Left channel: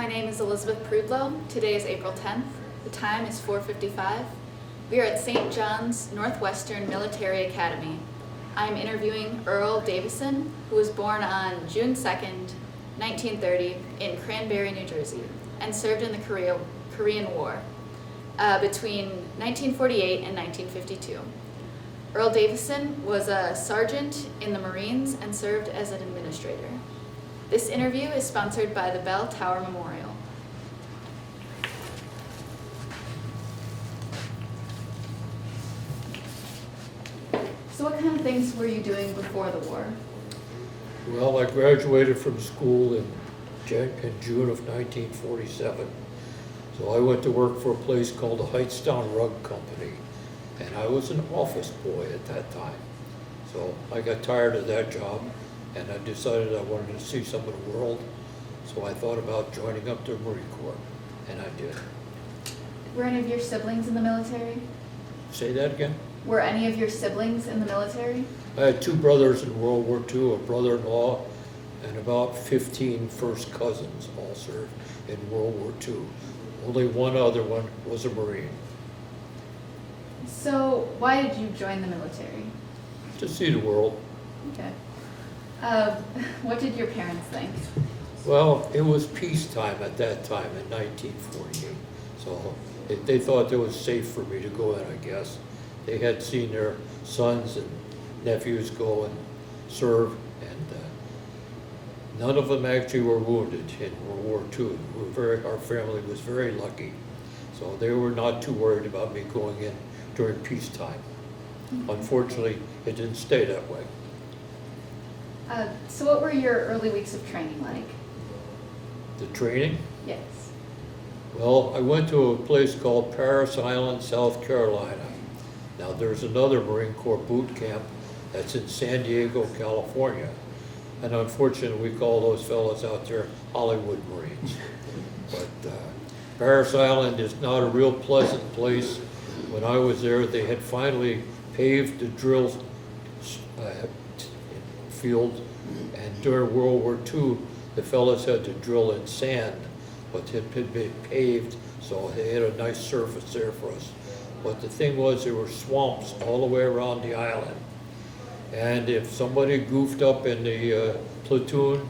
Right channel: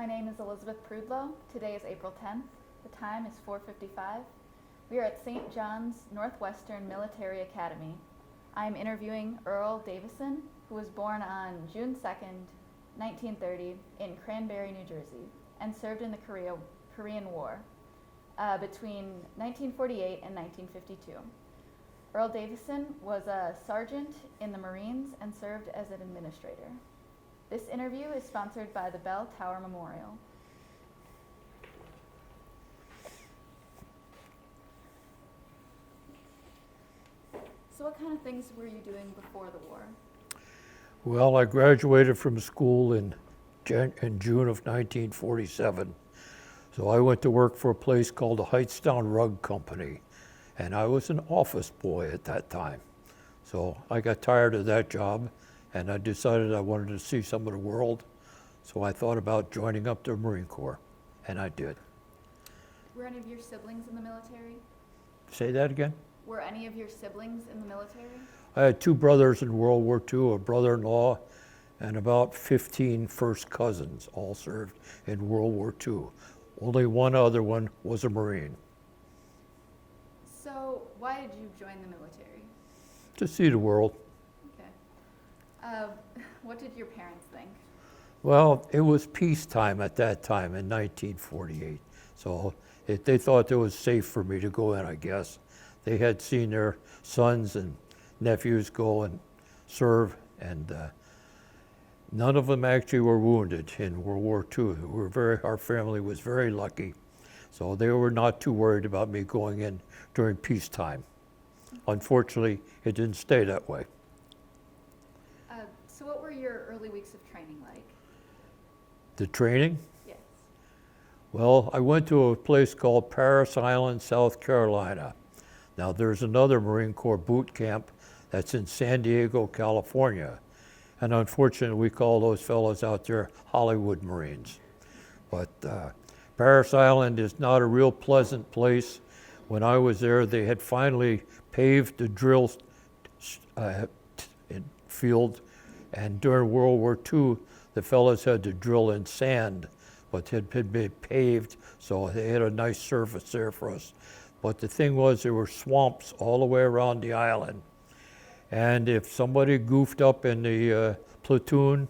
My name is Elizabeth Prudlow. Today is April 10th. The time is 4:55. We are at St. John's Northwestern Military Academy. I am interviewing Earl Davison, who was born on June 2nd, 1930 in Cranberry, New Jersey, and served in the Korean War between 1948 and 1952. Earl Davison was a sergeant in the Marines and served as an administrator. This interview is sponsored by the Bell Tower Memorial. So what kind of things were you doing before the war? Well, I graduated from school in June of 1947. So I went to work for a place called the Hightstown Rug Company, and I was an office boy at that time. So I got tired of that job, and I decided I wanted to see some of the world. So I thought about joining up the Marine Corps, and I did. Were any of your siblings in the military? Say that again? Were any of your siblings in the military? I had two brothers in World War II, a brother-in-law, and about 15 first cousins all served in World War II. Only one other one was a Marine. So why did you join the military? To see the world. Okay. What did your parents think? Well, it was peacetime at that time in 1948. So they thought it was safe for me to go in, I guess. They had seen their sons and nephews go and serve, and none of them actually were wounded in World War II. Our family was very lucky. So they were not too worried about me going in during peacetime. Unfortunately, it didn't stay that way. So what were your early weeks of training like? The training? Yes. Well, I went to a place called Parris Island, South Carolina. Now, there's another Marine Corps boot camp that's in San Diego, California. And unfortunately, we call those fellows out there Hollywood Marines. But Parris Island is not a real pleasant place. When I was there, they had finally paved the drill field, and during World War II, the fellows had to drill in sand, but it had been paved, so they had a nice surface there for us. But the thing was, there were swamps all the way around the island, and if somebody goofed up in the platoon,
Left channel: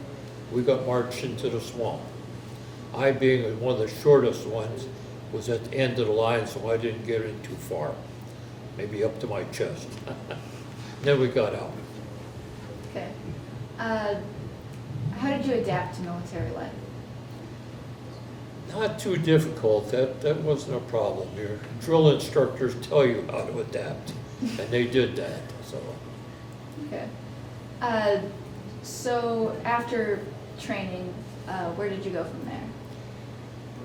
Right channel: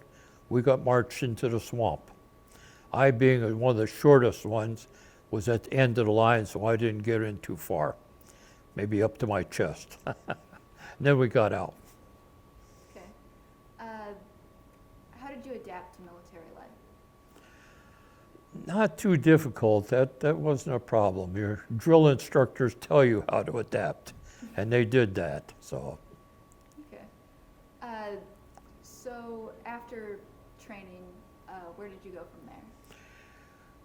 we got marched into the swamp. I, being one of the shortest ones, was at the end of the line, so I didn't get in too far, maybe up to my chest. Then we got out. Okay. How did you adapt to military life? Not too difficult. That wasn't a problem. Your drill instructors tell you how to adapt, and they did that. So. Okay. So after training, where did you go from there?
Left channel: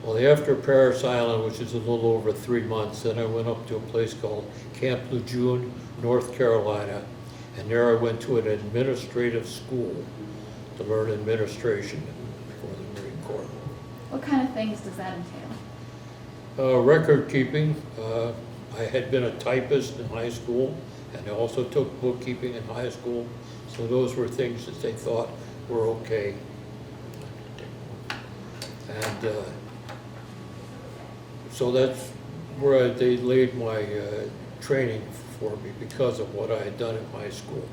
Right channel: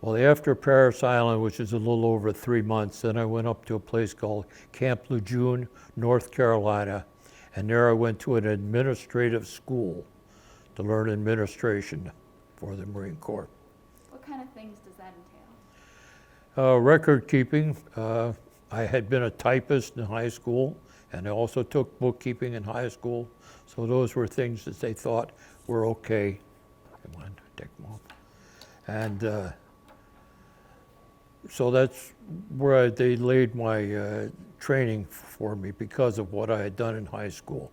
Well, after Parris Island, which is a little over 3 months, then I went up to a place called Camp Lejeune, North Carolina, and there I went to an administrative school to learn administration for the Marine Corps. What kind of things does that entail? Record keeping. I had been a typist in high school, and I also took bookkeeping in high school, so those were things that they thought were okay. And so that's where they laid my training for me because of what I had done in high school,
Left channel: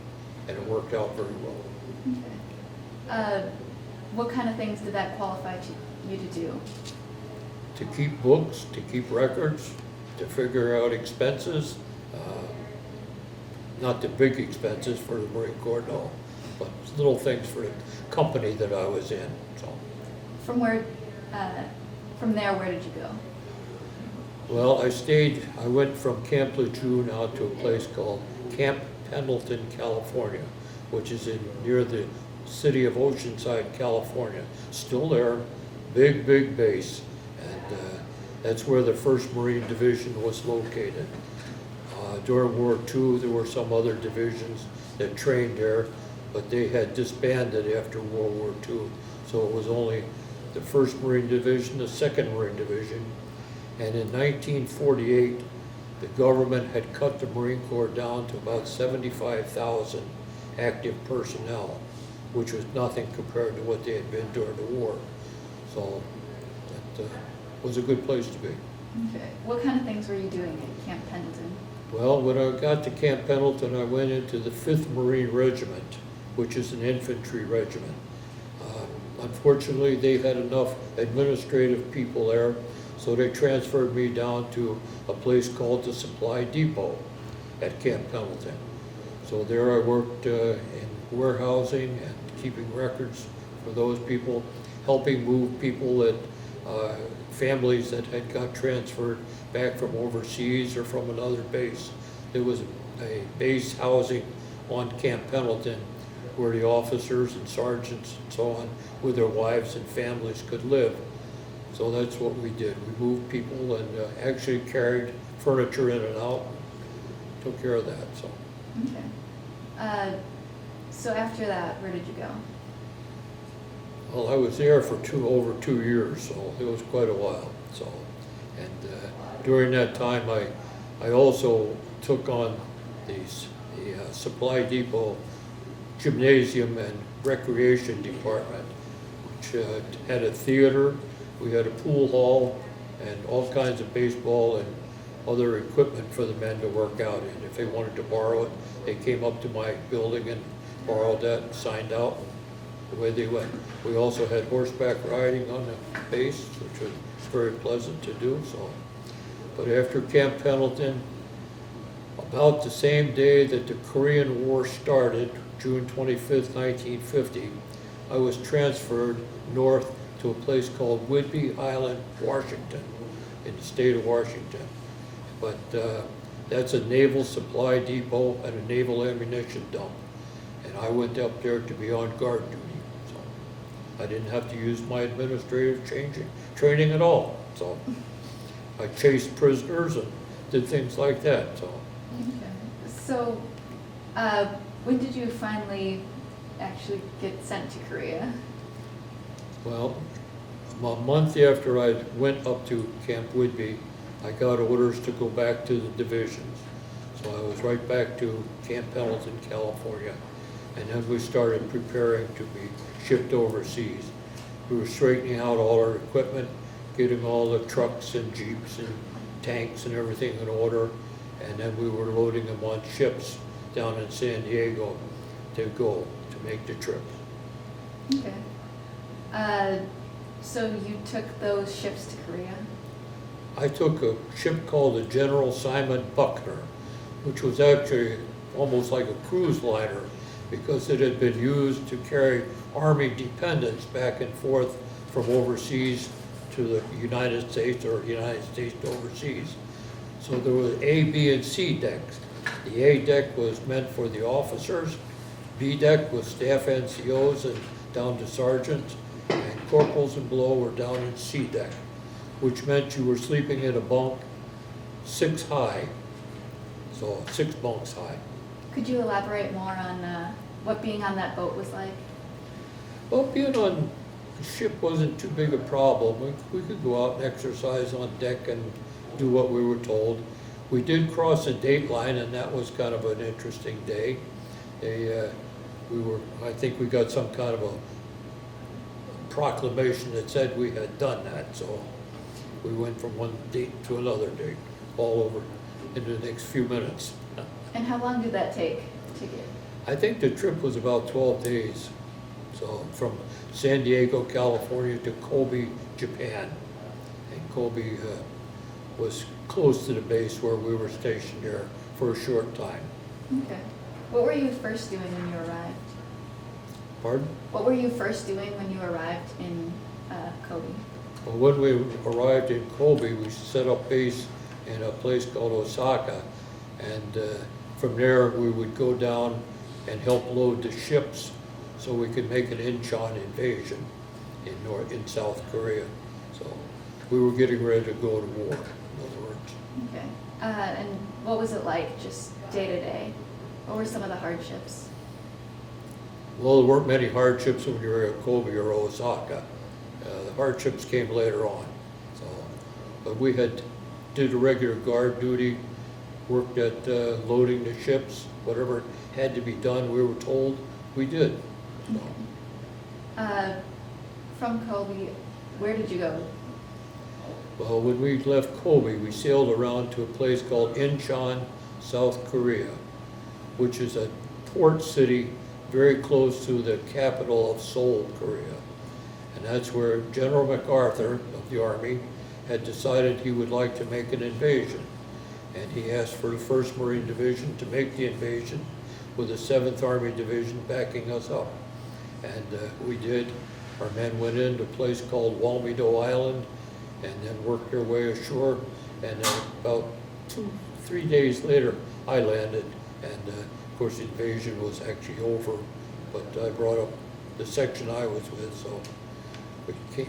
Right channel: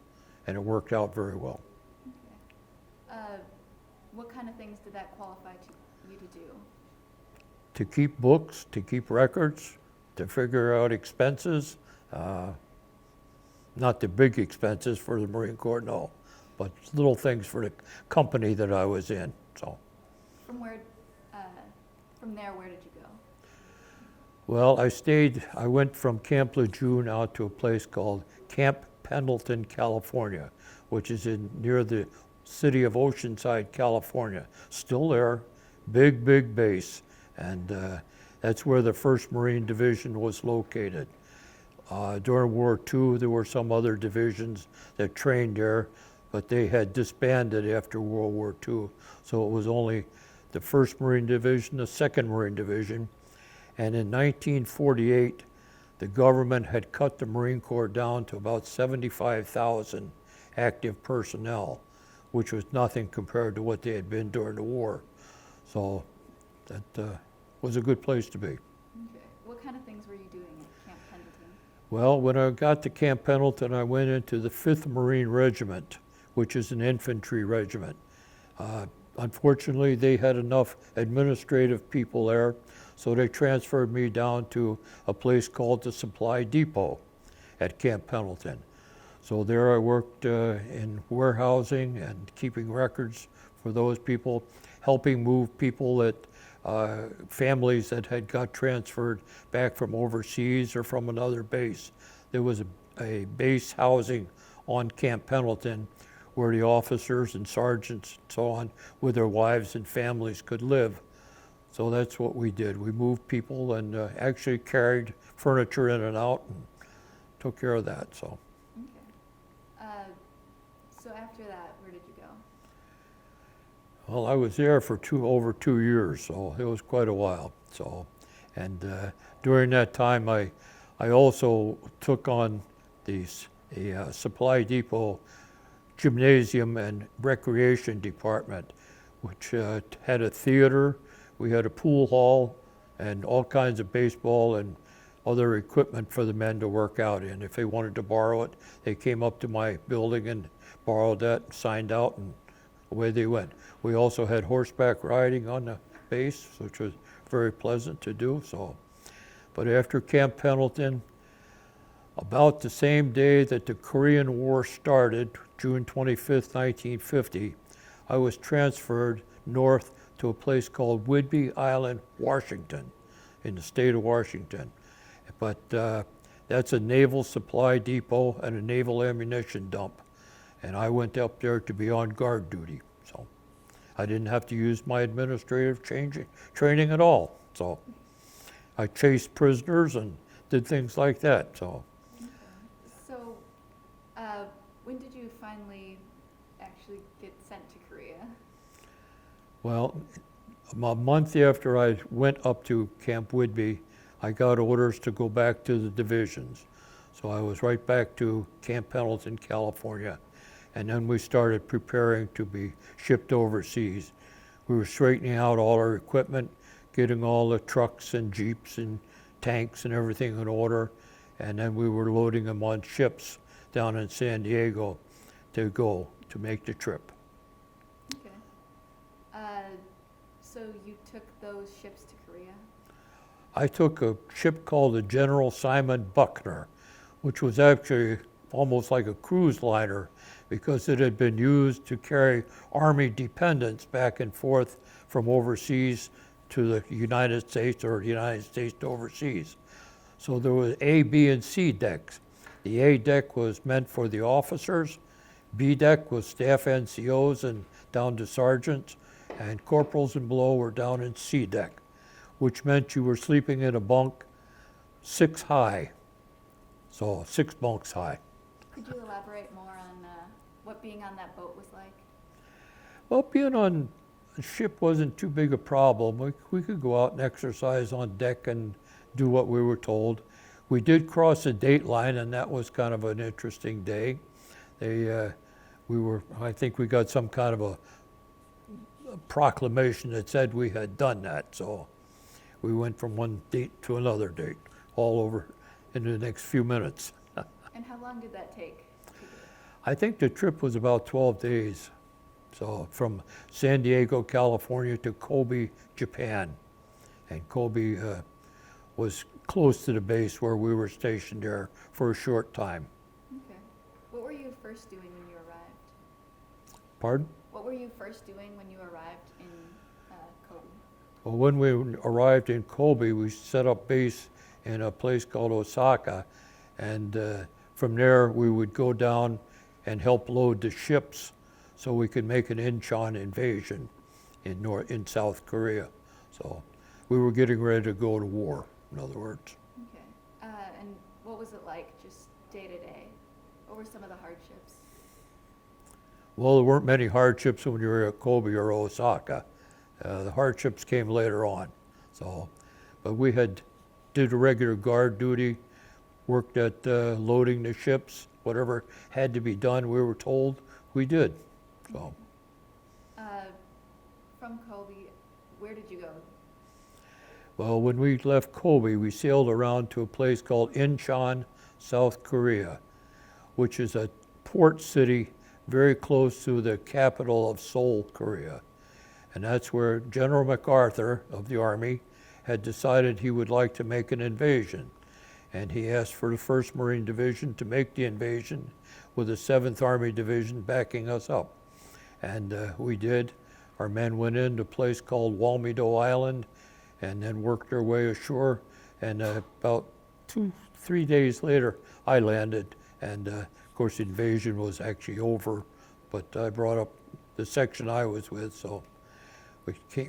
and it worked out very well. Okay. What kind of things did that qualify you to do? To keep books, to keep records, to figure out expenses, not the big expenses for the Marine Corps, no, but little things for the company that I was in. So. From there, where did you go? Well, I went from Camp Lejeune out to a place called Camp Pendleton, California, which is near the city of Oceanside, California. Still there, big base, and that's where the 1st Marine Division was located. During World War II, there were some other divisions that trained there, but they had disbanded after World War II, so it was only the 1st Marine Division, the 2nd Marine Division, and in 1948, the government had cut the Marine Corps down to about 75,000 active personnel, which was nothing compared to what they had been during the war. So was a good place to be. Okay. What kind of things were you doing at Camp Pendleton? Well, when I got to Camp Pendleton, I went into the 5th Marine Regiment, which is an infantry regiment. Unfortunately, they had enough administrative people there, so they transferred me down to a place called the Supply Depot at Camp Pendleton. So there I worked in warehousing and keeping records for those people, helping move people that, families that had got transferred back from overseas or from another base. There was a base housing on Camp Pendleton where the officers and sergeants and so on with their wives and families could live. So that's what we did. We moved people and actually carried furniture in and out and took care of that. So. Okay. So after that, where did you go? Well, I was there for over 2 years, so it was quite a while. So, and during that time, I also took on the Supply Depot gymnasium and recreation department, which had a theater, we had a pool hall, and all kinds of baseball and other equipment for the men to work out in. If they wanted to borrow it, they came up to my building and borrowed that, signed out, and away they went. We also had horseback riding on the base, which was very pleasant to do. So, but after Camp Pendleton, about the same day that the Korean War started, June 25th, 1950, I was transferred north to a place called Whidbey Island, Washington, in the state of Washington. But that's a naval supply depot and a naval ammunition dump. And I went up there to be on guard duty. So I didn't have to use my administrative training at all. So I chased prisoners and did things like that. So. Okay. So when did you finally actually get sent to Korea? Well, a month after I went up to Camp Whidbey, I got orders to go back to the divisions. So I was right back to Camp Pendleton, California. And then we started preparing to be shipped overseas. We were straightening out all our equipment, getting all the trucks and jeeps and tanks and everything in order. And then we were loading them on ships down in San Diego to go to make the trip. Okay. So you took those ships to Korea? I took a ship called the General Simon Buckner, which was actually almost like a cruise liner because it had been used to carry Army dependents back and forth from overseas to the United States or United States to overseas. So there was A, B, and C decks. The A deck was meant for the officers, B deck was staff NCOs and down to sergeants, and corporals and below were down in C deck, which meant you were sleeping in a bunk 6 high, so 6 bunks high. Could you elaborate more on what being on that boat was like? Well, being on the ship wasn't too big a problem. We could go out and exercise on deck and do what we were told. We did cross a date line, and that was kind of an interesting day. I think we got some kind of a proclamation that said we had done that, so we went from one date to another date, all over in the next few minutes. And how long did that take to get? I think the trip was about 12 days. So from San Diego, California to Kobe, Japan. And Kobe was close to the base where we were stationed there for a short time. Okay. What were you first doing when you arrived? Pardon? What were you first doing when you arrived in Kobe? Well, when we arrived in Kobe, we set up base in a place called Osaka. And from there, we would go down and help load the ships so we could make an Incheon invasion in South Korea. So we were getting ready to go to war, in other words. Okay. And what was it like just day to day? What were some of the hardships? Well, there weren't many hardships when you were at Kobe or Osaka. The hardships came later on. So, but we did a regular guard duty, worked at loading the ships, whatever had to be done, we were told, we did. So. From Kobe, where did you go? Well, when we left Kobe, we sailed around to a place called Incheon, South Korea, which is a port city very close to the capital of Seoul, Korea. And that's where General MacArthur of the Army had decided he would like to make an invasion. And he asked for the 1st Marine Division to make the invasion with the 7th Army Division backing us up. And we did. Our men went into a place called Walmido Island and then worked their way ashore. And then about 2-3 days later, I landed. And of course, the invasion was actually over, but I brought up the section I was with, so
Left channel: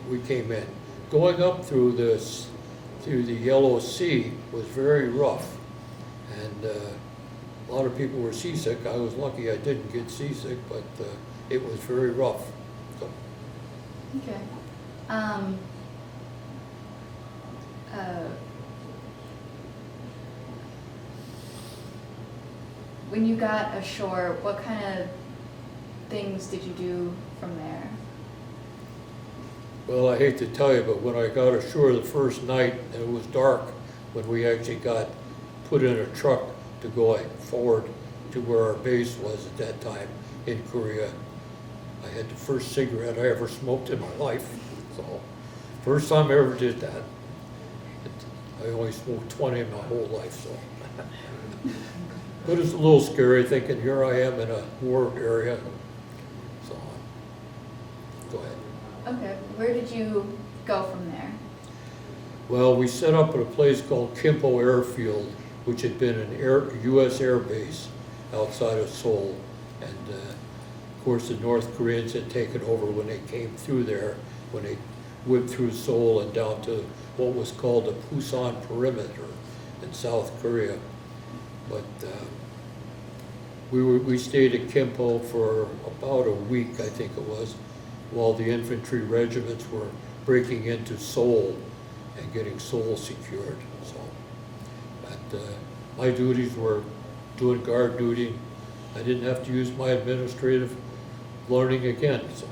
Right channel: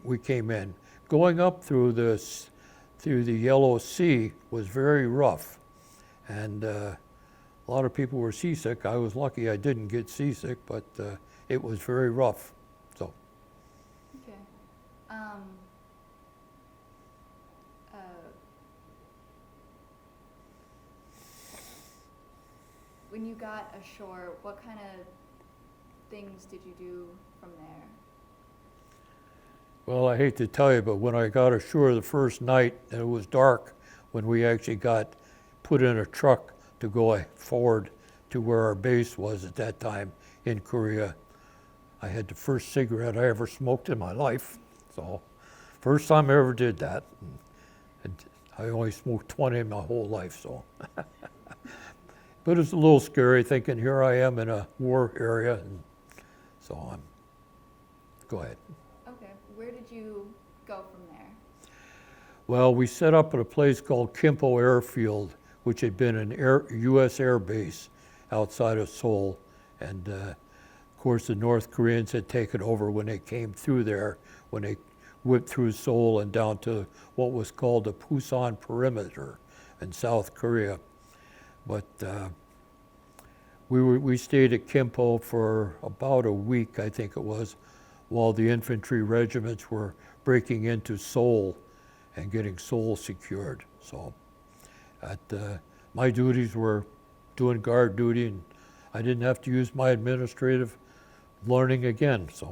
we came in. Going up through the Yellow Sea was very rough, and a lot of people were seasick. I was lucky I didn't get seasick, but it was very rough. So. Okay. When you got ashore, what kind of things did you do from there? Well, I hate to tell you, but when I got ashore the first night, it was dark when we actually got put in a truck to go forward to where our base was at that time in Korea. I had the first cigarette I ever smoked in my life, so first time I ever did that. And I only smoked 20 in my whole life, so. But it's a little scary thinking here I am in a war area and so on. Go ahead. Okay, where did you go from there? Well, we set up at a place called Kimpo Airfield, which had been an U.S. air base outside of Seoul. And of course, the North Koreans had taken over when they came through there, when they went through Seoul and down to what was called the Pusan Perimeter in South Korea. But we stayed at Kimpo for about a week, I think it was, while the infantry regiments were breaking into Seoul and getting Seoul secured. So my duties were doing guard duty, and I didn't have to use my administrative learning again. So.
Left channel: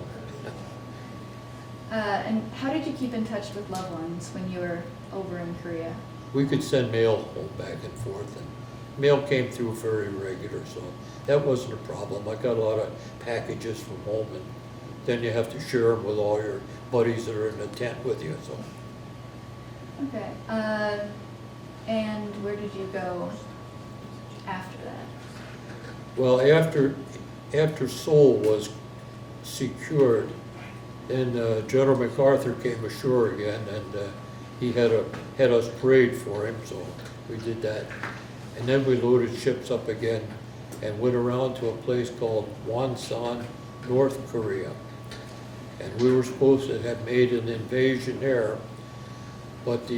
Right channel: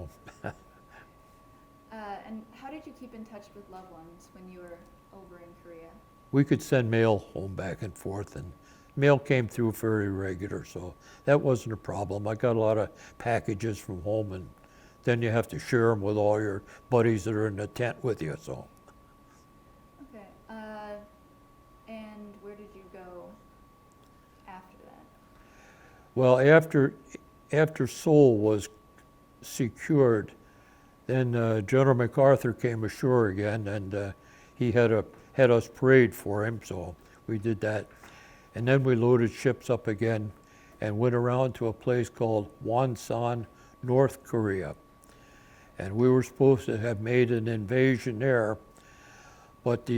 And how did you keep in touch with loved ones when you were over in Korea? We could send mail home back and forth, and mail came through very regular, so that wasn't a problem. I got a lot of packages from home, and then you have to share them with all your buddies that are in the tent with you, so. Okay, and where did you go after that? Well, after Seoul was secured, then General MacArthur came ashore again, and he had us parade for him, so we did that. And then we loaded ships up again and went around to a place called Wonsan, North Korea. And we were supposed to have made an invasion there, but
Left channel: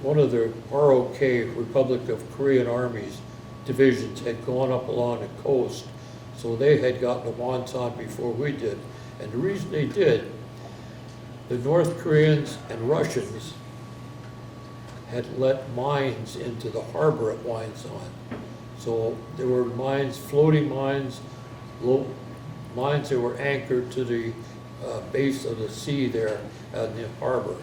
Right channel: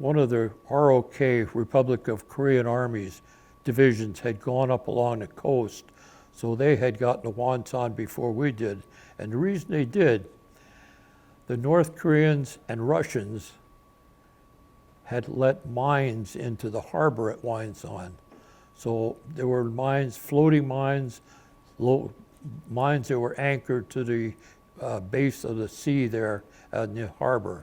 one of the ROK, Republic of Korean Armies, divisions had gone up along the coast, so they had gotten to Wonsan before we did. And the reason they did, the North Koreans and Russians had let mines into the harbor at Wonsan. So there were mines, floating mines, mines that were anchored to the base of the sea there in the harbor.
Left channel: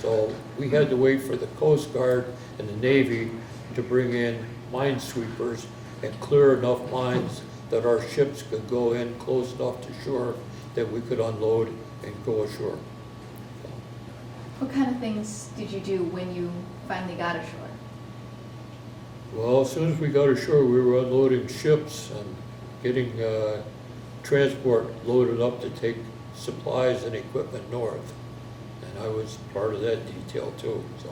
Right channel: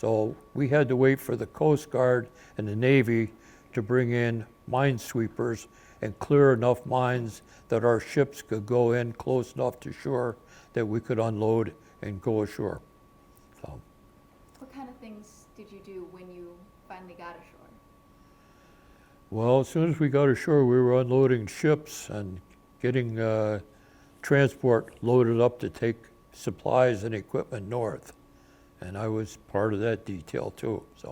So we had to wait for the Coast Guard and the Navy to bring in minesweepers and clear enough mines that our ships could go in close enough to shore that we could unload and go ashore. So. What kind of things did you do when you finally got ashore? Well, as soon as we got ashore, we were unloading ships and getting transport loaded up to take supplies and equipment north. And I was part of that detail too. So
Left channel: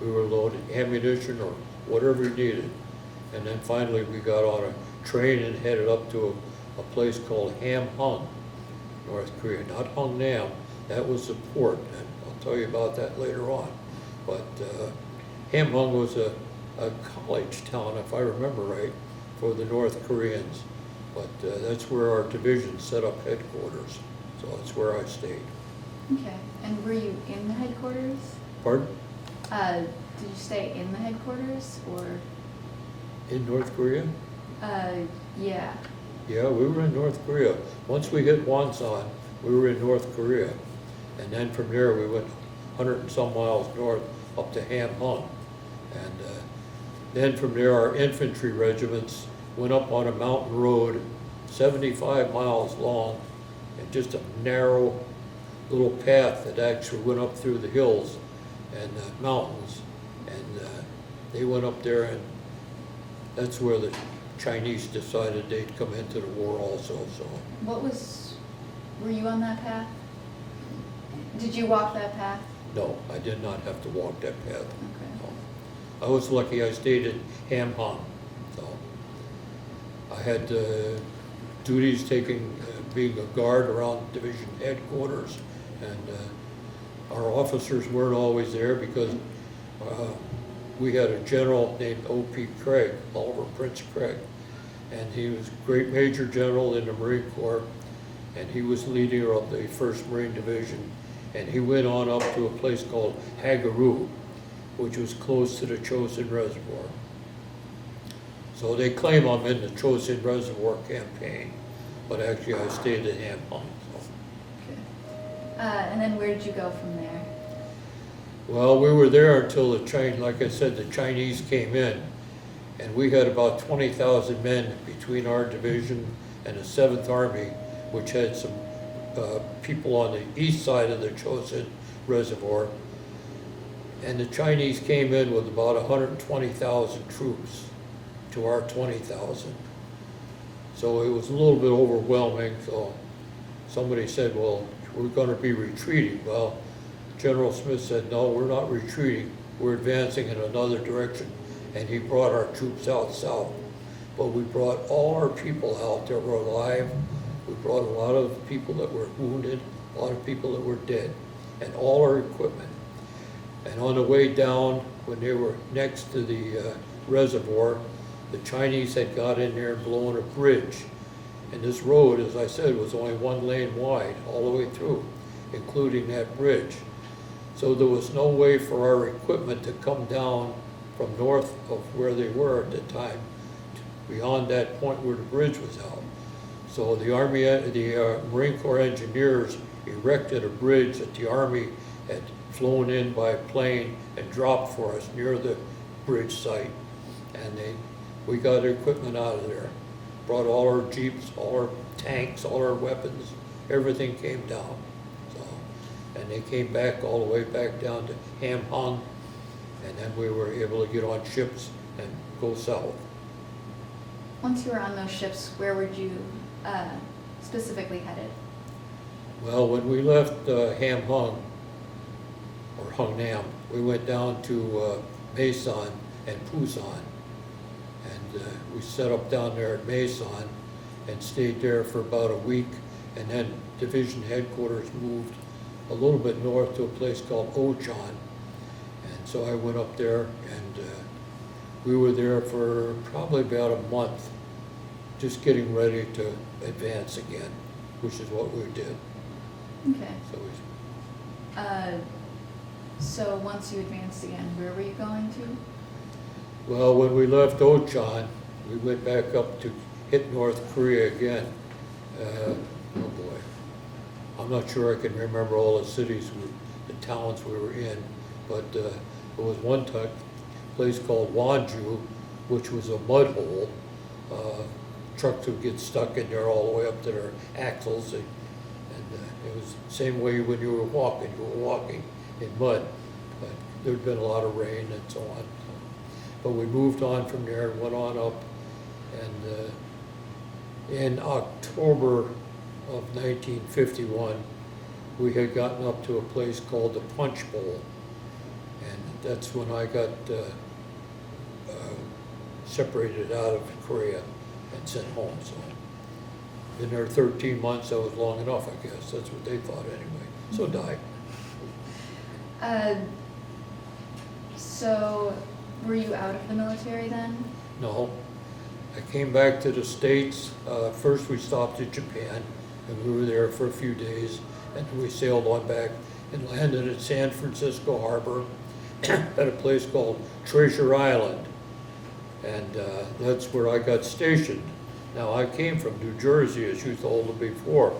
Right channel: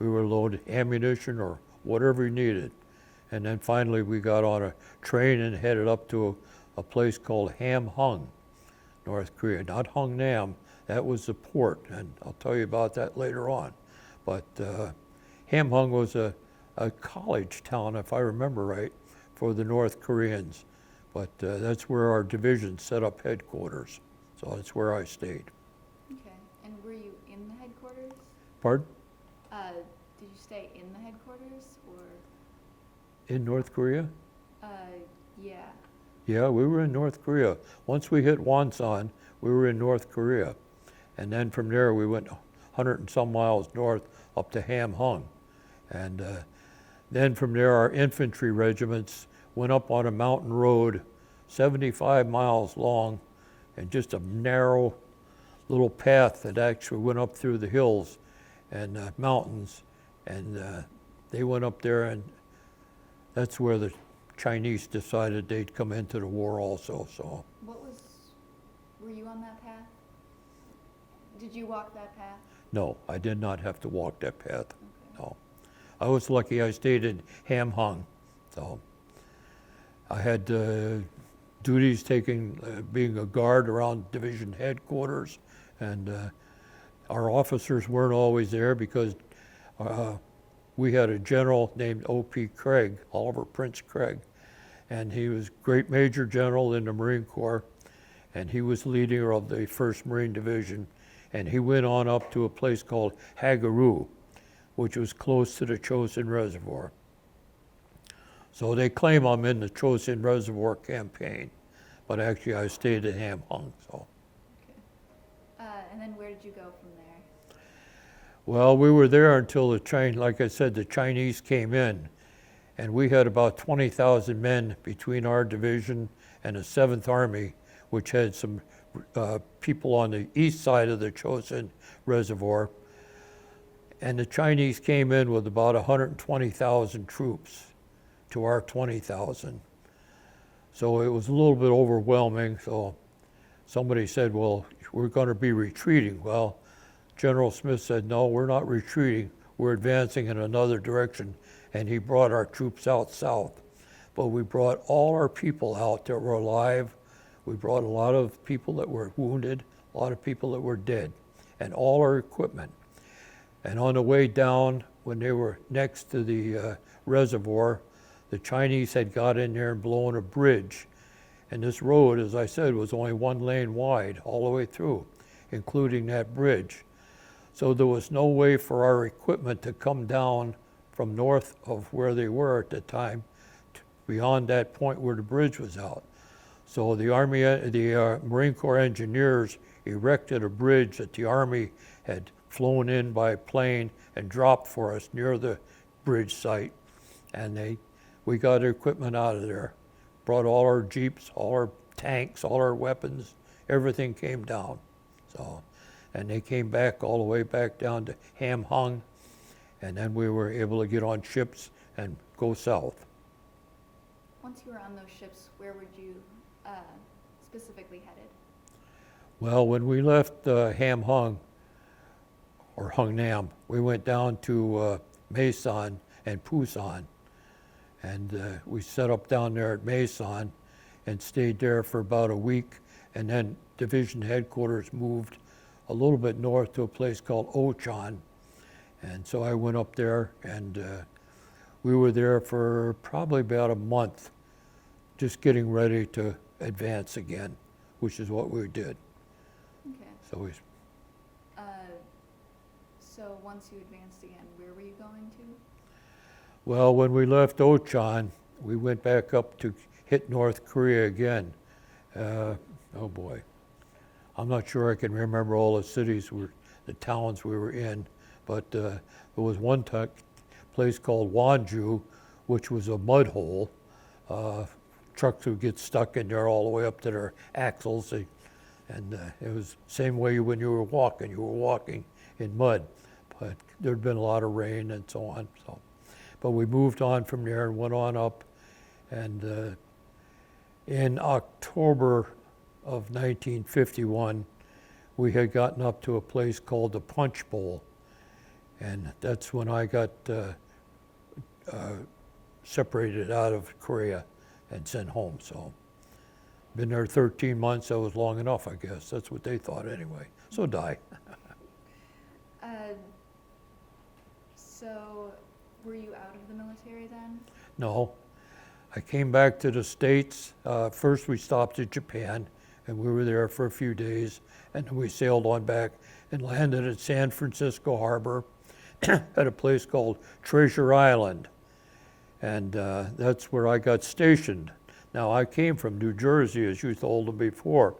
we were loading ammunition or whatever we needed. And then finally we got on a train and headed up to a place called Hamhung, North Korea. Not Hungnam, that was the port, and I'll tell you about that later on. But Hamhung was a college town, if I remember right, for the North Koreans. But that's where our division set up headquarters. So that's where I stayed. Okay, and were you in the headquarters? Pardon? Did you stay in the headquarters, or? In North Korea? Yeah. Yeah, we were in North Korea. Once we hit Wonsan, we were in North Korea. And then from there we went 100 and some miles north up to Ham Hung. And then from there, our infantry regiments went up on a mountain road 75 miles long and just a narrow little path that actually went up through the hills and mountains. And they went up there, and that's where the Chinese decided they'd come into the war also, so. Were you on that path? Did you walk that path? No, I did not have to walk that path. Okay. No. I was lucky I stayed in Ham Hung, so. I had duties being a guard around division headquarters, and our officers weren't always there because we had a general named O.P. Craig, Oliver Prince Craig, and he was great major general in the Marine Corps, and he was leader of the 1st Marine Division, and he went on up to a place called Hagaroo, which was close to the Chosin Reservoir. So they claim I'm in the Chosin Reservoir campaign, but actually I stayed in Ham Hung. So. Okay. And then where did you go from there? Well, we were there until like I said, the Chinese came in, and we had about 20,000 men between our division and the 7th Army, which had some people on the east side of the Chosin Reservoir. And the Chinese came in with about 120,000 troops to our 20,000. So it was a little bit overwhelming, so somebody said, well, we're going to be retreating. Well, General Smith said, no, we're not retreating, we're advancing in another direction, and he brought our troops out south. But we brought all our people out that were alive. We brought a lot of people that were wounded, a lot of people that were dead, and all our equipment. And on the way down, when they were next to the reservoir, the Chinese had got in there and blown a bridge. And this road, as I said, was only 1 lane wide all the way through, including that bridge. So there was no way for our equipment to come down from north of where they were at the time, beyond that point where the bridge was out. So the Marine Corps engineers erected a bridge that the Army had flown in by plane and dropped for us near the bridge site. And we got our equipment out of there. Brought all our jeeps, all our tanks, all our weapons, everything came down. So, and they came back all the way back down to Ham Hung, and then we were able to get on ships and go south. Once you were on those ships, where were you specifically headed? Well, when we left Ham Hung, or Hung Nam, we went down to Mason and Pusan. And we set up down there at Mason and stayed there for about a week. And then division headquarters moved a little bit north to a place called Ochan. And so I went up there, and we were there for probably about a month, just getting ready to advance again, which is what we did. Okay. So so once you advanced again, where were you going to? well, when we left Ochan, we went back up to hit North Korea again. Oh boy, I'm not sure I can remember all the cities, the towns we were in, but there was one place called Wonju, which was a mud hole. Trucks would get stuck in there all the way up to their axles, and it was the same way when you were walking in mud. But there'd been a lot of rain and so on. So. But we moved on from there, went on up, and in October of 1951, we had gotten up to a place called the Punch Bowl, and that's when I got separated out of Korea and sent home. So, been there 13 months. That was long enough, I guess. That's what they thought anyway. So died. So, were you out of the military then? No, I came back to the States. First we stopped in Japan, and we were there for a few days, and we sailed on back and landed at San Francisco Harbor at a place called Treasure Island, and that's where I got stationed. Now, I came from New Jersey, as you told me before.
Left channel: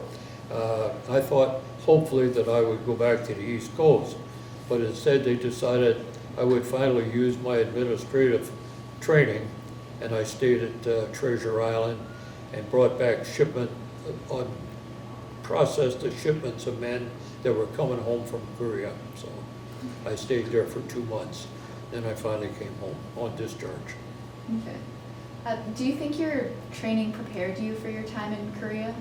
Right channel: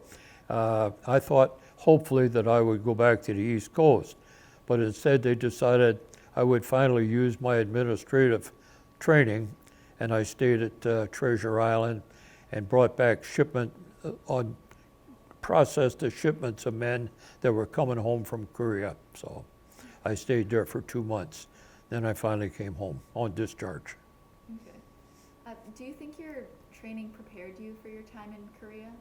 I thought hopefully that I would go back to the East Coast, but instead they decided I would finally use my administrative training, and I stayed at Treasure Island and brought back processed the shipments of men that were coming home from Korea. So I stayed there for 2 months. Then I finally came home on discharge. Okay. Do you think your training prepared you for your time in Korea?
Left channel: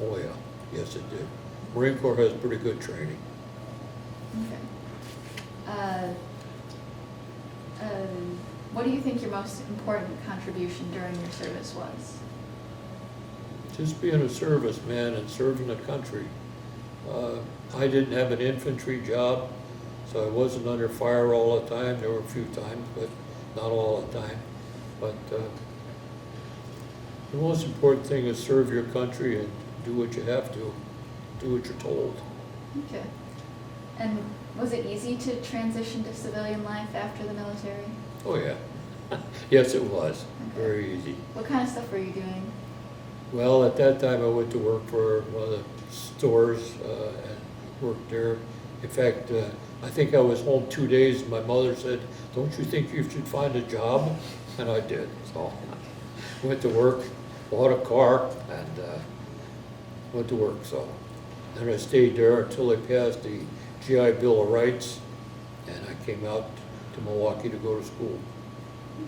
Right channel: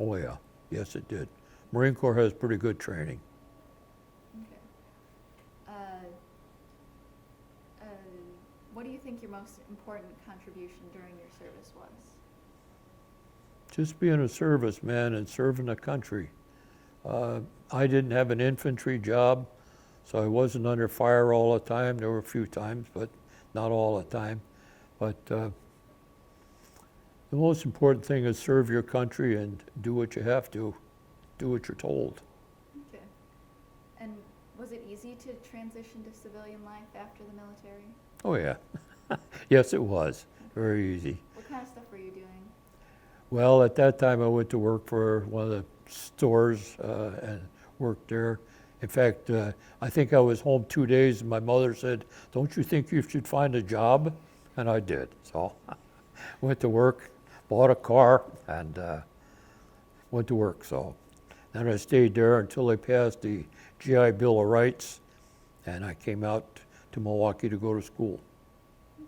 Oh yeah, yes it did. Marine Corps has pretty good training. Okay. What do you think your most important contribution during your service was? Just being a serviceman and serving the country. I didn't have an infantry job, so I wasn't under fire all the time. There were a few times, but not all the time. But the most important thing is serve your country and do what you have to, do what you're told. Okay. And was it easy to transition to civilian life after the military? Oh yeah, yes it was, very easy. What kind of stuff were you doing? Well, at that time I went to work for one of the stores and worked there. In fact, I think I was home 2 days and my mother said, "Don't you think you should find a job?" And I did, so went to work, bought a car and went to work, so. And I stayed there until they passed the GI Bill of Rights, and I came out to Milwaukee to go to school.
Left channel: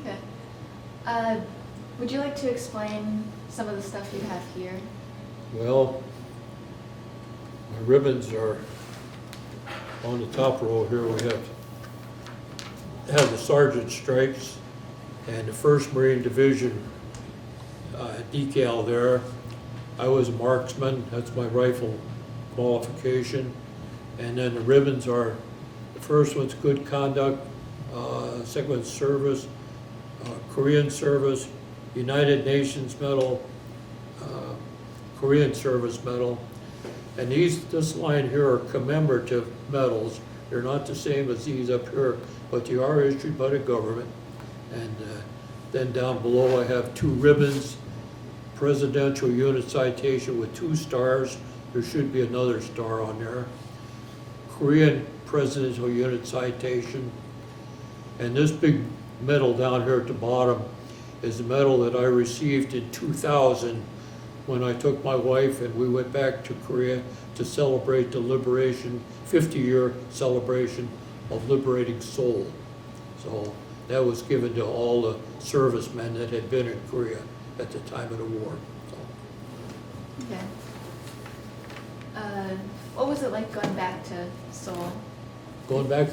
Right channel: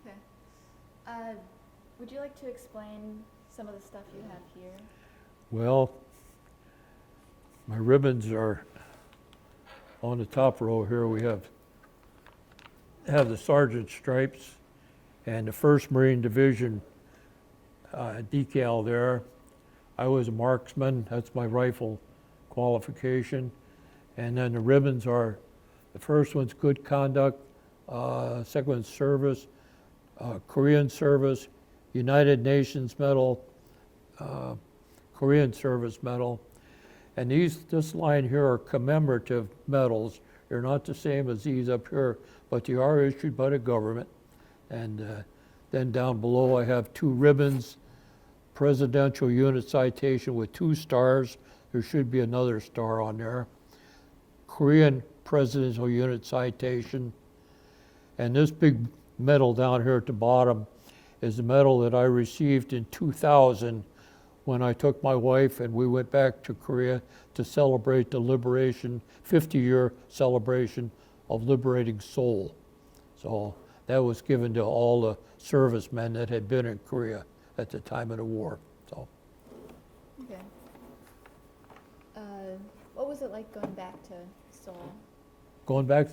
Okay. Would you like to explain some of the stuff you have here? Well, my ribbons are on the top row here. We have the sergeant stripes and the 1st Marine Division decal there. I was a marksman, that's my rifle qualification. And then the ribbons are, the first one's good conduct, second one's service, Korean service, United Nations medal, Korean service medal. And this line here are commemorative medals. They're not the same as these up here, but they are issued by the government. And then down below I have 2 ribbons, Presidential Unit Citation with 2 stars. There should be another star on there. Korean Presidential Unit Citation. And this big medal down here at the bottom is the medal that I received in 2000 when I took my wife and we went back to Korea to celebrate the liberation, 50-year celebration of liberating Seoul. So that was given to all the servicemen that had been in Korea at the time of the war. So. Okay. What was it like going back to Seoul? Going back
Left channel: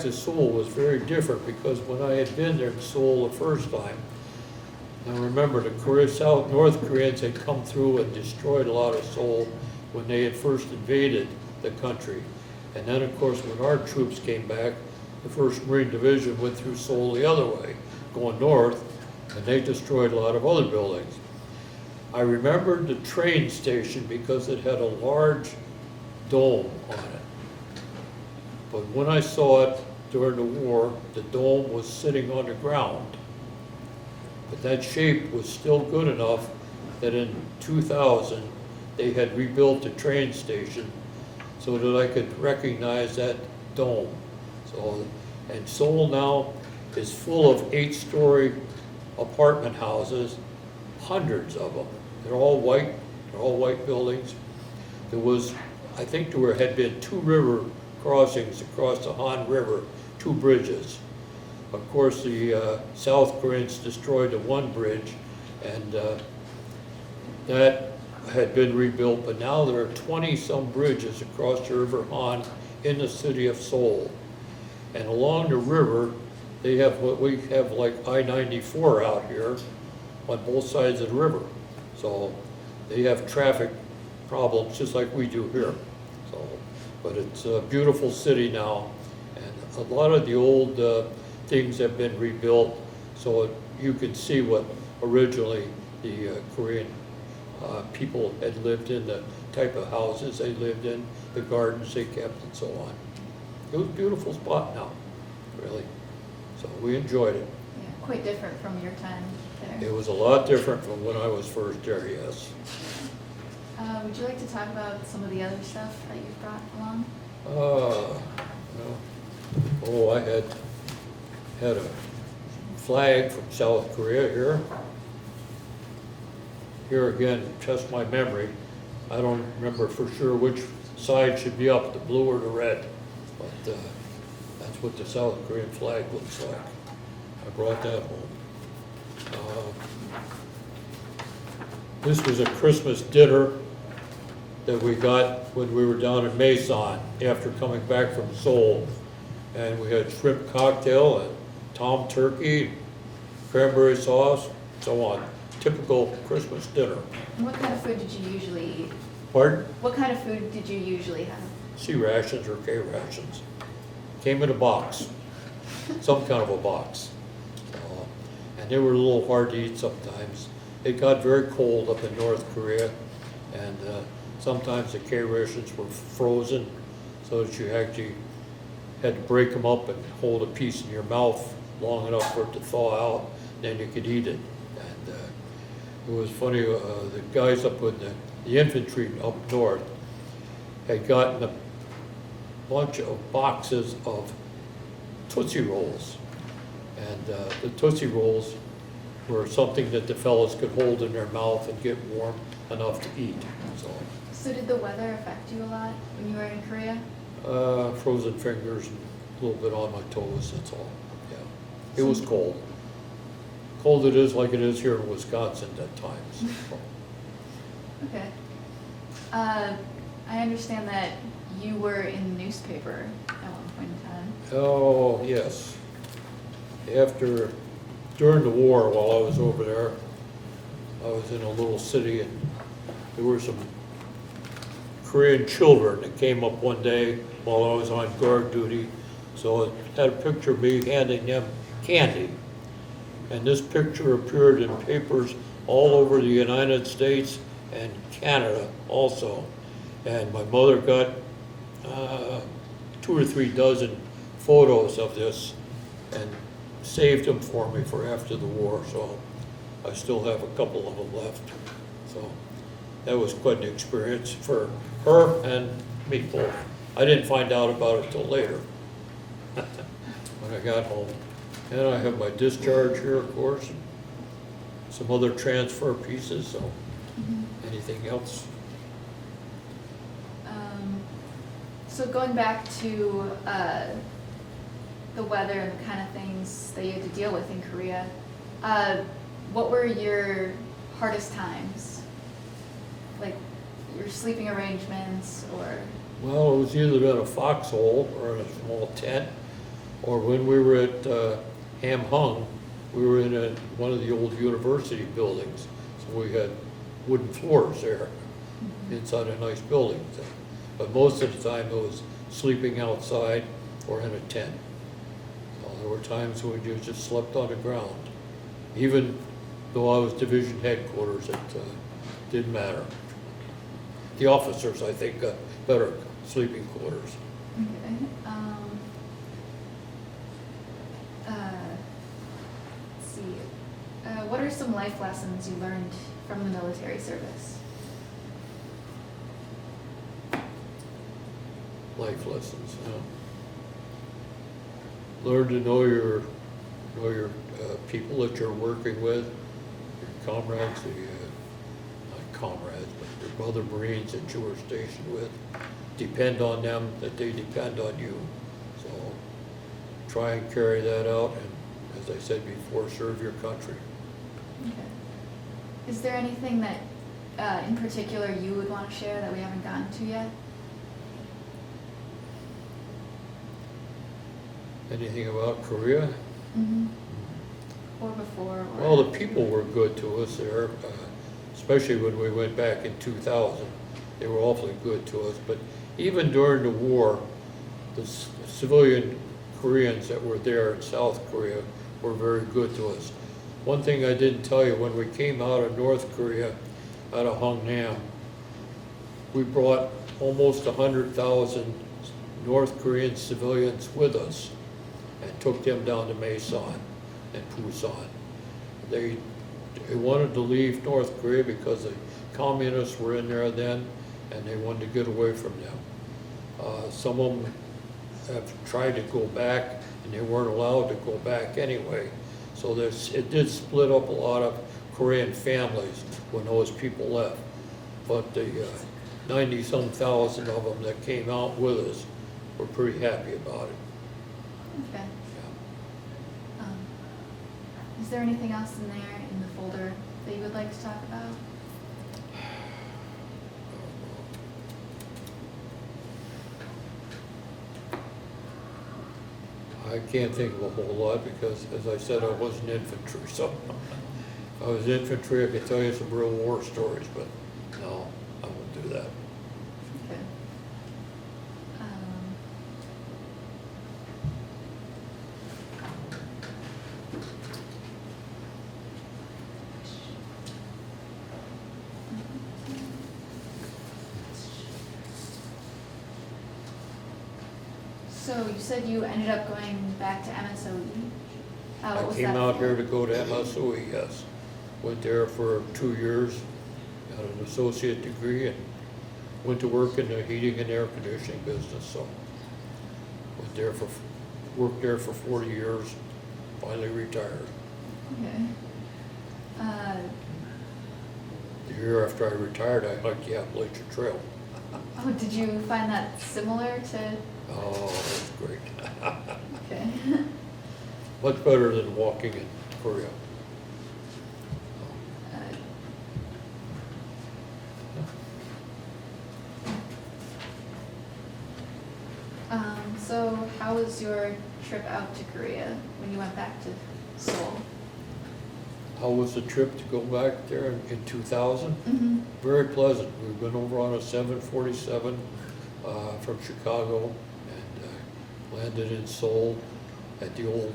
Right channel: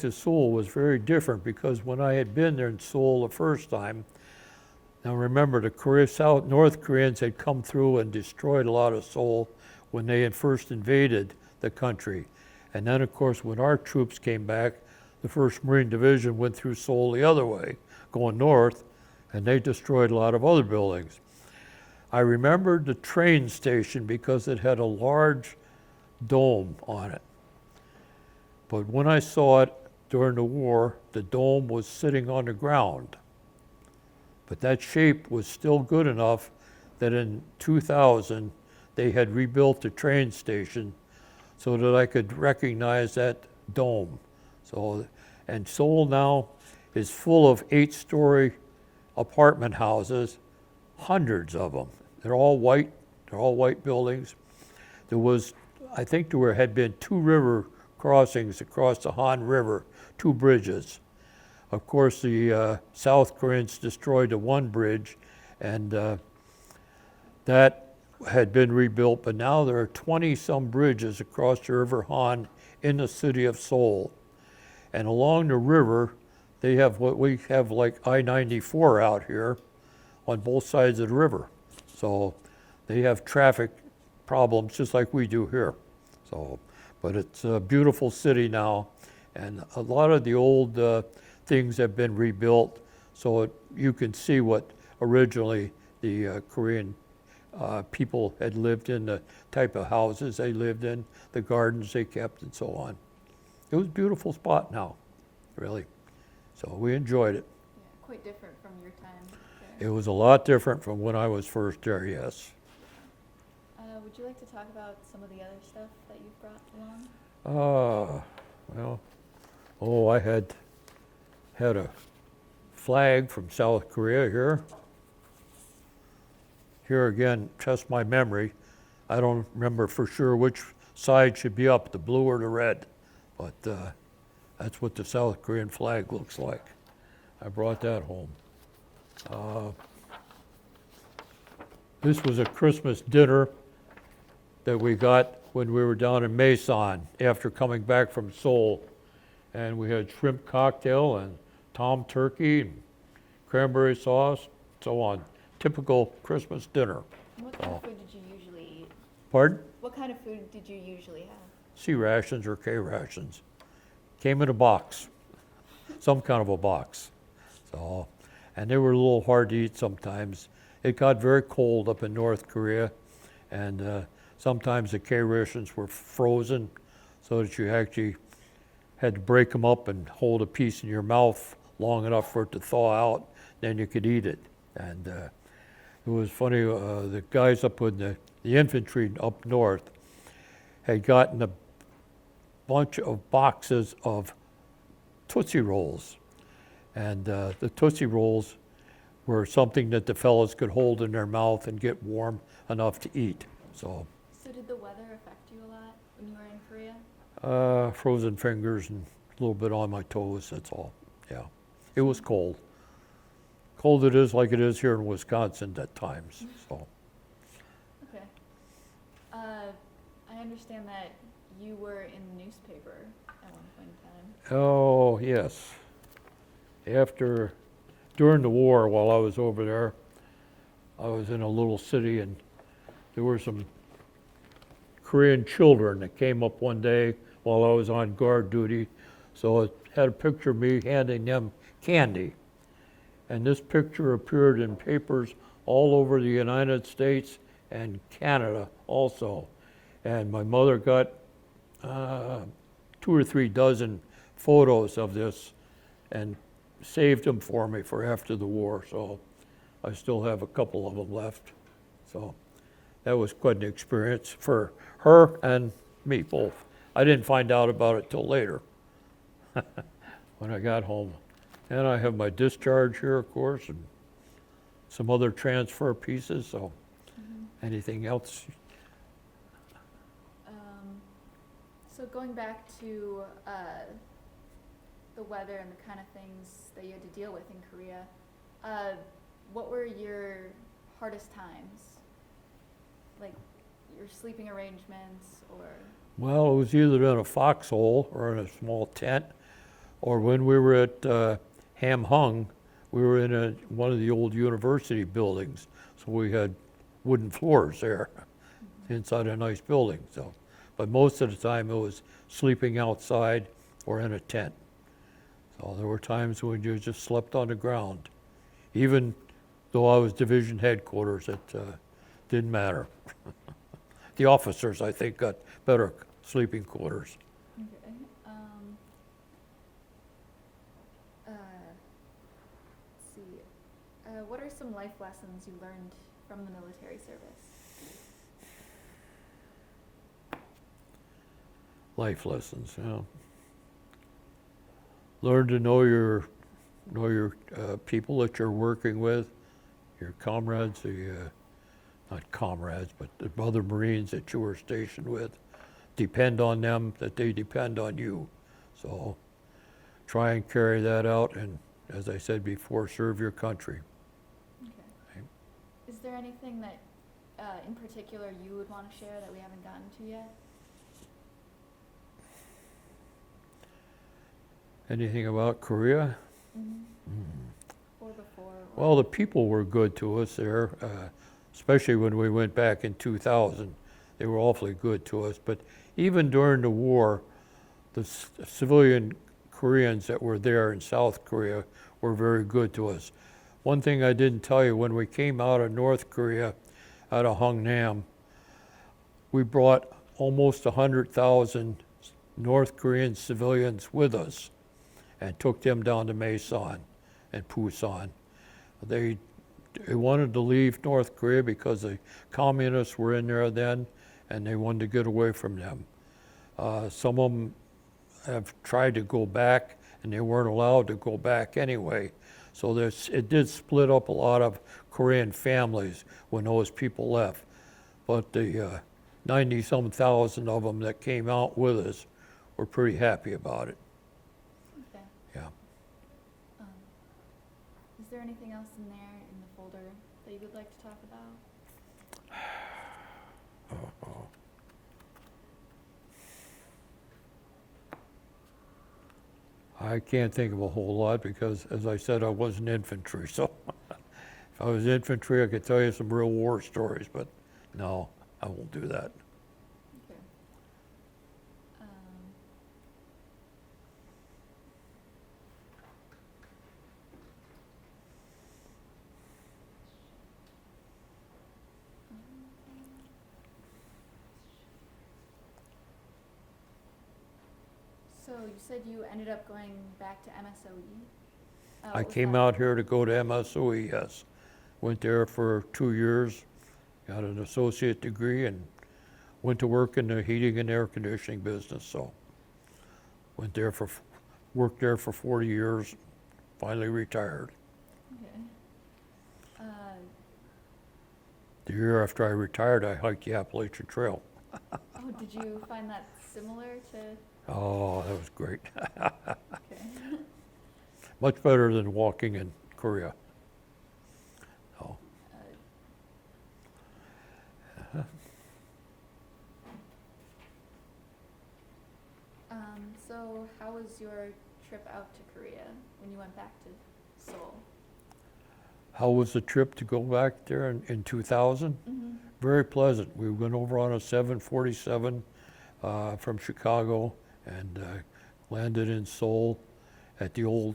to Seoul was very different because when I had been there in Seoul the first time, now remember the North Koreans had come through and destroyed a lot of Seoul when they had first invaded the country. And then of course when our troops came back, the 1st Marine Division went through Seoul the other way, going north, and they destroyed a lot of other buildings. I remembered the train station because it had a large dome on it. But when I saw it during the war, the dome was sitting on the ground. But that shape was still good enough that in 2000, they had rebuilt the train station so that I could recognize that dome. So, and Seoul now is full of 8-story apartment houses, hundreds of them. They're all white buildings. There was, I think had been 2 river crossings across the Han River, 2 bridges. Of course, the South Koreans destroyed the one bridge, and that had been rebuilt, but now there are 20-some bridges across the River Han in the city of Seoul. And along the river, they have what we have like I-94 out here on both sides of the river. So they have traffic problems just like we do here. So, but it's a beautiful city now, and a lot of the old things have been rebuilt, so you can see what originally the Korean people had lived in, the type of houses they lived in, the gardens they kept, and so on. It was a beautiful spot now, really. So we enjoyed it. Yeah, quite different from your time there. It was a lot different from when I was first there, yes. Would you like to talk about some of the other stuff that you've brought along? Well, I had a flag from South Korea here. Here again, test my memory. I don't remember for sure which side should be up, the blue or the red, but that's what the South Korean flag looks like. I brought that home. This was a Christmas dinner that we got when we were down in Mason after coming back from Seoul. And we had shrimp cocktail and tom turkey, cranberry sauce, so on. Typical Christmas dinner. What kind of food did you usually eat? Pardon? What kind of food did you usually have? C rations or K rations. Came in a box, some kind of a box. And they were a little hard to eat sometimes. It got very cold up in North Korea, and sometimes the K rations were frozen, so that you actually had to break them up and hold a piece in your mouth long enough for it to thaw out, then you could eat it. And it was funny, the guys up in the infantry up north had gotten a bunch of boxes of Tootsie Rolls. And the Tootsie Rolls were something that the fellows could hold in their mouth and get warm enough to eat. So did the weather affect you a lot when you were in Korea? Frozen fingers and a little bit on my toes, that's all. Yeah, it was cold. Cold it is like it is here in Wisconsin at times. So. Okay. I understand that you were in the newspaper at one point in time. Oh, yes. During the war, while I was over there, I was in a little city, and there were some Korean children that came up one day while I was on guard duty. So it had a picture of me handing them candy. And this picture appeared in papers all over the United States and Canada also. And my mother got 2 or 3 dozen photos of this and saved them for me for after the war. So I still have a couple of them left. So that was quite an experience for her and me both. I didn't find out about it till later when I got home. And I have my discharge here, of course, and some other transfer pieces, so anything else? So going back to the weather and the kind of things that you had to deal with in Korea, what were your hardest times? Like your sleeping arrangements or? Well, it was either in a foxhole or in a small tent, or when we were at Ham Hung, we were in one of the old university buildings, so we had wooden floors there inside a nice building. So. But most of the time it was sleeping outside or in a tent. So there were times when you just slept on the ground. Even though I was division headquarters, it didn't matter. The officers, I think, got better sleeping quarters. Okay. Let's see. What are some life lessons you learned from the military service? Life lessons, learn to know your people that you're working with, your comrades, not comrades, but the brother Marines that you were stationed with. Depend on them, that they depend on you. So try and carry that out, and as I said before, serve your country. Okay. Is there anything that in particular you would want to share that we haven't gotten to yet? Anything about Korea? Mm-hmm. Or before? Or Well, the people were good to us there, especially when we went back in 2000. They were awfully good to us. But even during the war, the civilian Koreans that were there in South Korea were very good to us. One thing I didn't tell you, when we came out of North Korea, out of Hungnam, we brought almost 100,000 North Korean civilians with us and took them down to Mason and Busan. They wanted to leave North Korea because the communists were in there then, and they wanted to get away from them. Some of them have tried to go back, and they weren't allowed to go back anyway. So it did split up a lot of Korean families when those people left. But the 90-some thousand of them that came out with us were pretty happy about it. Okay. Yeah. Is there anything else in there in the folder that you would like to talk about? I can't think of a whole lot because, as I said, I wasn't infantry, so if I was infantry, I could tell you some real war stories, but no, I won't do that. Okay. So you said you ended up going back to MSOE? I What was came that out for? here to go to MSOE, yes. Went there for 2 years, got an associate degree, and went to work in the heating and air conditioning business, so. Worked there for 40 years, finally retired. Okay. The year after I retired, I hiked the Appalachian Trail. Oh, did you find that similar to? Oh, that was great. Okay. Much better than walking in Korea. So how was your trip out to Korea when you went back to Seoul? How was the trip to go back there in 2000? Mm-hmm. Very pleasant. We went over on a 747 from Chicago and landed in Seoul at the old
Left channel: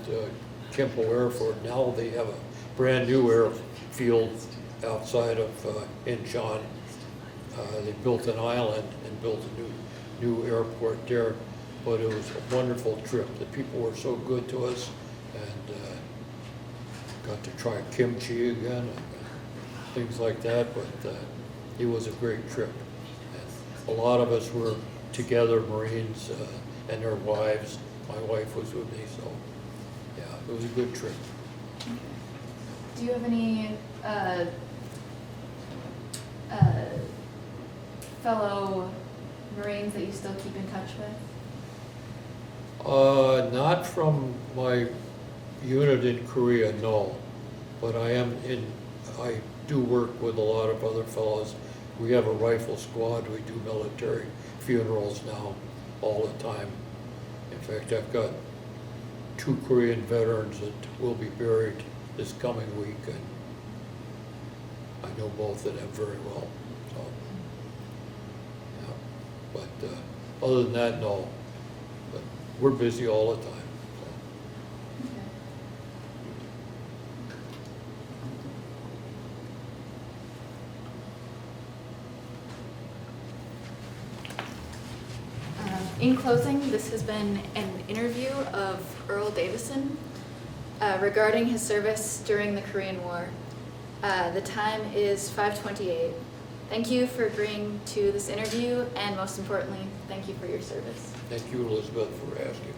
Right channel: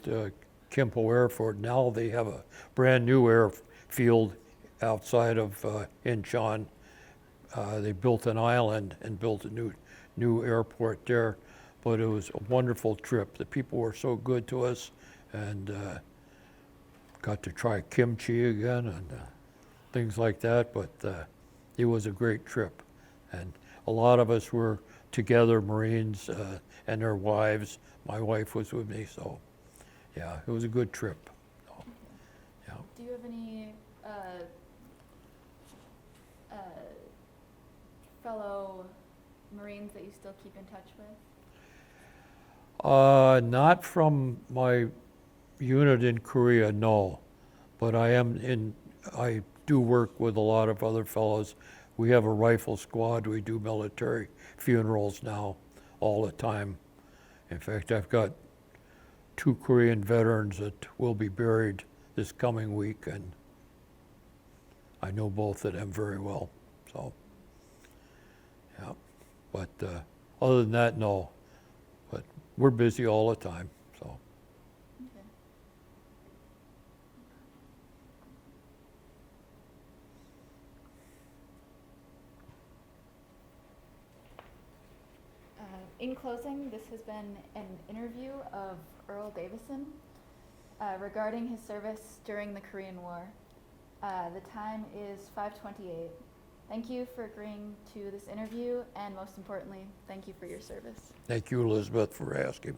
Kimpo Airport. Now they have a brand new airfield outside of Incheon. They built an island and built a new airport there. But it was a wonderful trip. The people were so good to us, and got to try kimchi again and things like that. But it was a great trip, and a lot of us were together, Marines and their wives. My wife was with me, so yeah, it was a good trip. Do you have any fellow Marines that you still keep in touch with? Not from my unit in Korea, no. But I do work with a lot of other fellows. We have a rifle squad. We do military funerals now all the time. In fact, I've got 2 Korean veterans that will be buried this coming week, and I know both of them very well. So, yeah. But other than that, no. But we're busy all the time. So. In closing, this has been an interview of Earl Davison regarding his service during the Korean War. The time is 5:28. Thank you for agreeing to this interview, and most importantly, thank you for your service. Thank you, Elizabeth, for asking me.